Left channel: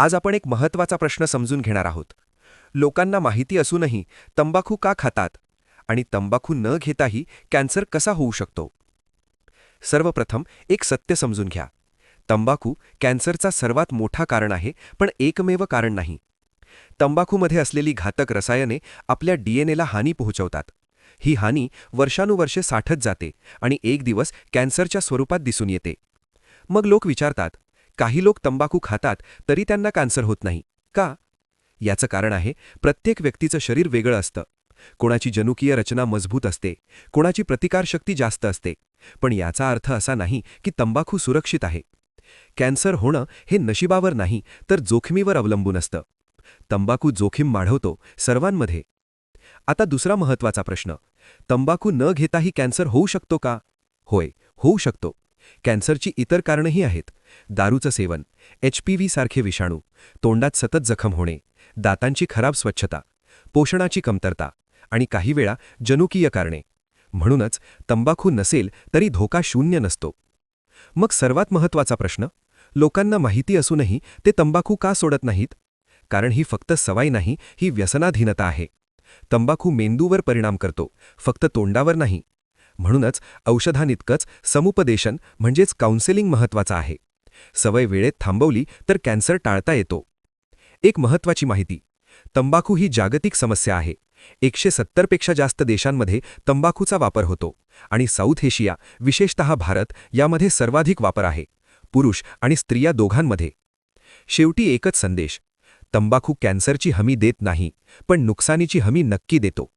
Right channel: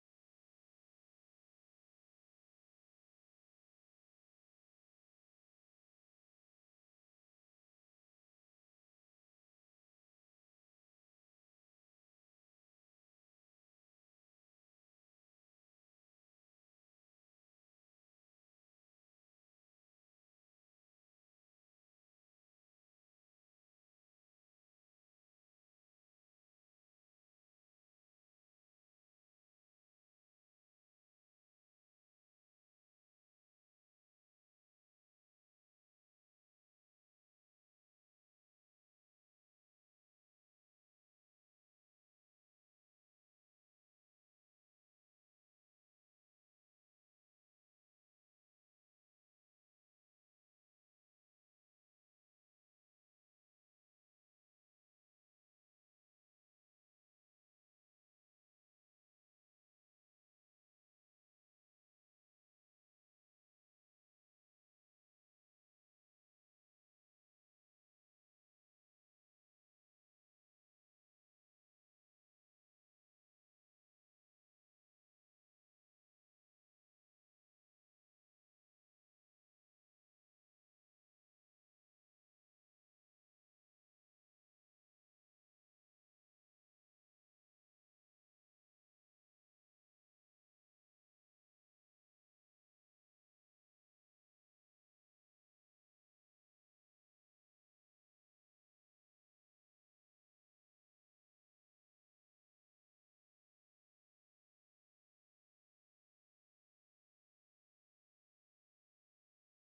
आज आपण एक महत्त्वाचा प्रश्न समजून घेणार आहोत. लोकांना माहिती असूनही तंबाखू का खातात आणि तंबाखू न घेताही कॅन्सर कसा होऊ शकतो? सर्वप्रथम एक सत्य समजून घ्या. तंबाखू कॅन्सरचा सर्वात मोठा कारण आहे, पण एकमेव कारण नाही. तंबाखूमध्ये असलेली घातक रसायने आपल्या डीएनएला हानी पोहोचवतात. ही हानी वर्षानुवर्षे साठत जाते आणि एक दिवस कॅन्सरच्या स्वरूपात दिसून येते. मग लोक विचारतात, काही लोक तंबाखू खातात तरी त्यांना कॅन्सर होत नाही का? याचं कारण आहे, प्रत्येक व्यक्तीचं शरीर वेगळं असतं. कोणाची जनुकीय रचना मजबूत असते, कोणाची प्रतिकारशक्ती जास्त असते. पण याचा अर्थ असा नाही की तंबाखू सुरक्षित आहे. कॅन्सर होणं हे नशिबावर नाही, तर जोखमीवर अवलंबून असतं. तंबाखू जोखीम वाढवतो सर्वांमध्ये. आता दुसरा महत्त्वाचा प्रश्न, तंबाखू न घेताही कॅन्सर होऊ शकतो का? होय, होऊ शकतो. कॅन्सरची इतर कारणंही आहेत. दारूचं सेवन, HPV सारखे विषाणू, तोंडात सतत जखम होणे, दातांची खराब स्वच्छता, पोषणाची कमतरता आणि काही वेळा जनुकीय कारणे. म्हणूनच तंबाखू नसेल तरी धोका शून्य नसतो. मग सर्वात महत्त्वाचा प्रश्न, लोकांना माहिती असूनही ते तंबाखू का सोडत नाहीत? कारण ही फक्त सवय नाही, ही व्यसनाधीनता आहे. तंबाखू मेंदूवर परिणाम करतो, फक्त तोंडावर नाही. म्हणूनच औषधांइतकंच समुपदेशन म्हणजेच काउन्सेलिंग महत्त्वाचं आहे. सवय वेळेत थांबवली तर कॅन्सर टाळता येतो. एक महत्त्वाची माहिती, तंबाखू ही जागतिक समस्या आहे. 170 पेक्षा जास्त देशांमध्ये तंबाखूचा वापर होतो आणि साऊथ एशिया, विशेषतः भारत यामध्ये सर्वाधिक वापर आहे, पुरुष आणि स्त्रिया दोघांमध्ये. शेवटी एकच संदेश, तंबाखू कॅन्सरची हमी देत नाही, पण नुकसानीची हमी नक्की देतो.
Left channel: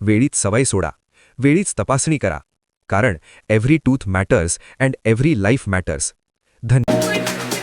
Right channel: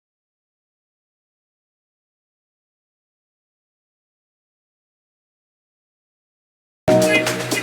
वेळीच सवय सोडा, वेळीच तपासणी करा, कारण every tooth matters and every life matters. धन्यवाद.